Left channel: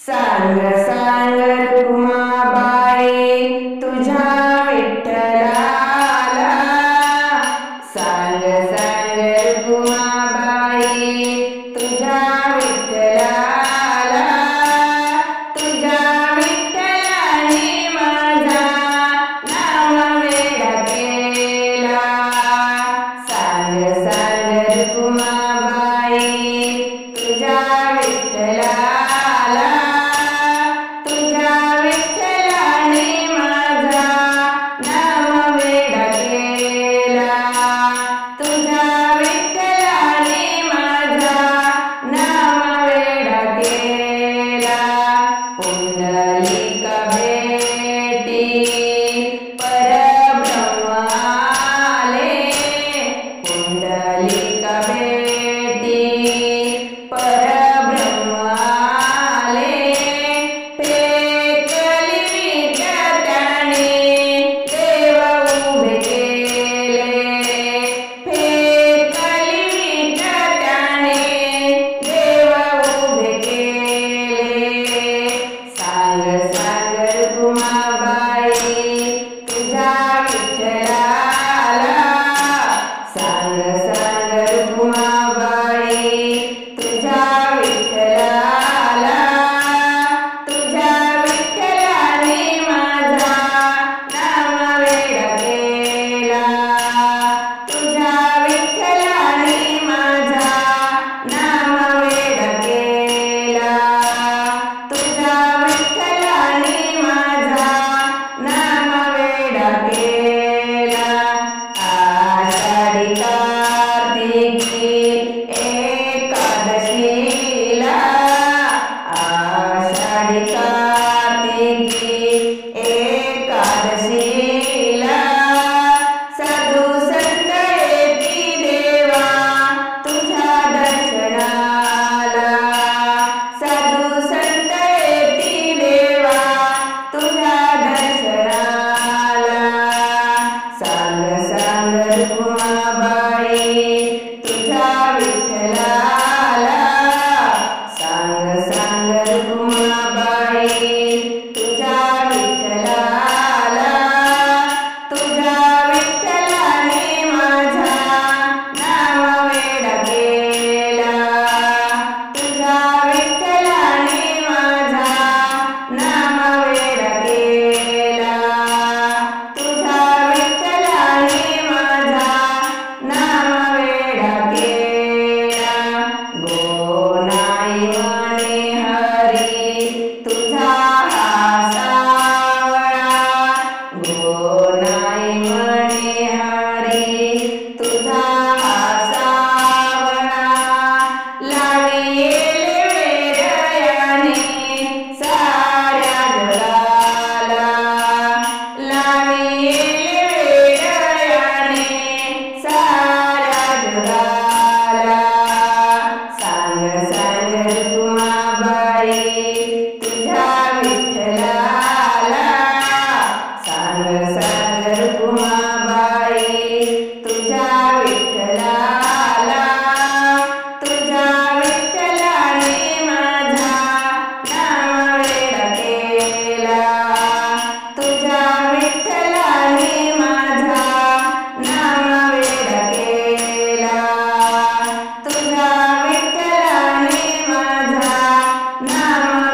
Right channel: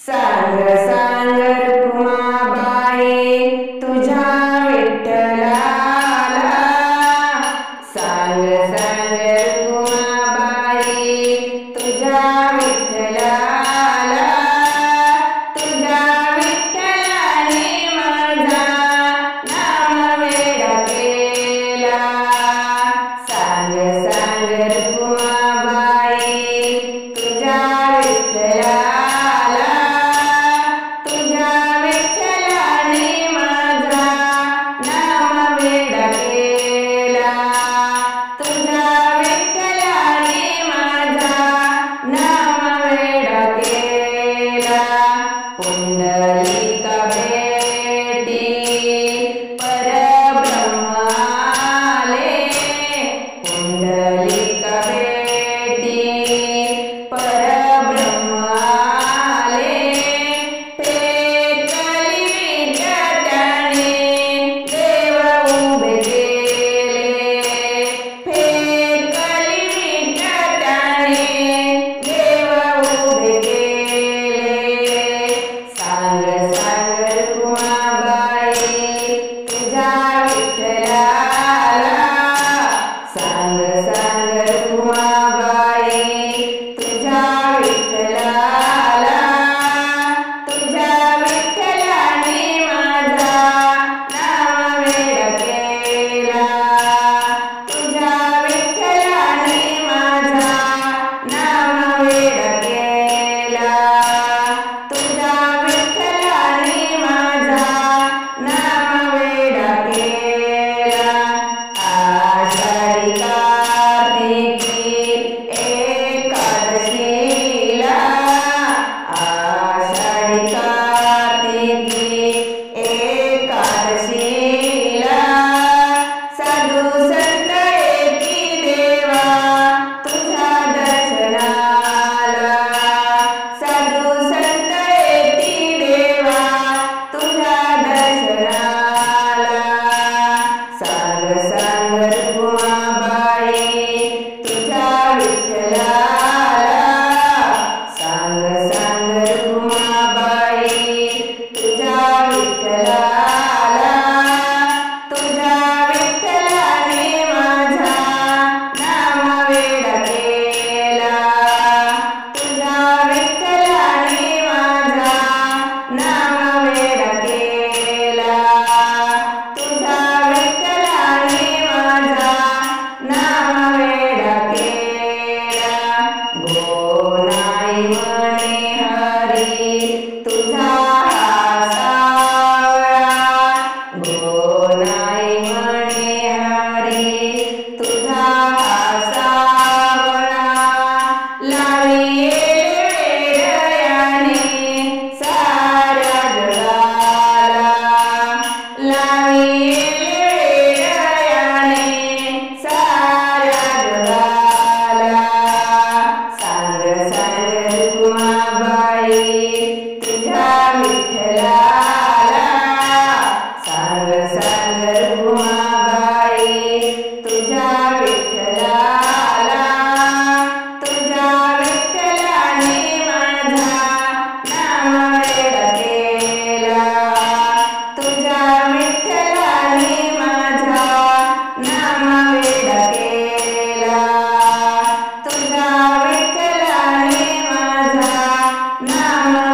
सांग सांग रुक्माबाई तुझ्या विठ्ठलाला, सांग सांग रुक्माबाई तुझ्या विठ्ठलाला, तुझ्या विठ्ठलाने माझा नाम वेडा केला। सांग सांग रुक्माबाई तुझ्या विठ्ठलाला, पुंडलिका भेटी परब्रह्म आले, पुंडलिका भेटी परब्रह्म आले, फेकली विट त्याने देव उभे केले, फेकली विट त्याने देव उभे केले। सांग सांग रुक्माबाई तुझ्या विठ्ठलाला, सांग सांग रुक्माबाई तुझ्या विठ्ठलाला, तुझ्या विठ्ठलाने माझा नाम वेडा केला, तुझ्या विठ्ठलाने माझा नाम वेडा केला, तुझ्या नाम वेडा केला। आषाढी कार्तिकी एकादशीला, आषाढी कार्तिकी एकादशीला, साधू संत येती देवा तुझ्या दर्शनाला, साधू संत येती देवा तुझ्या दर्शनाला। सांग सांग रुक्माबाई तुझ्या विठ्ठलाला, सांग सांग रुक्माबाई तुझ्या विठ्ठलाला, तुझ्या विठ्ठलाने माझा नाम वेडा केला, तुझ्या विठ्ठलाने माझा नाम वेडा केला, तुझ्या विठ्ठलाने माझा नाम वेडा केला। गोनाई म्हणे हरी तुझा हा सावळा, गोनाई म्हणे हरी तुझा हा सावळा, लावी येले वेडयाने साऱ्या जगाला, लावी येले वेडयाने साऱ्या जगाला। सांग सांग रुक्माबाई तुझ्या विठ्ठलाला, सांग सांग रुक्माबाई तुझ्या विठ्ठलाला, तुझ्या विठ्ठलाने माझा नाम वेडा केला, तुझ्या विठ्ठलाने माझा नाम वेडा केला, तुझ्या विठ्ठलाने माझा नाम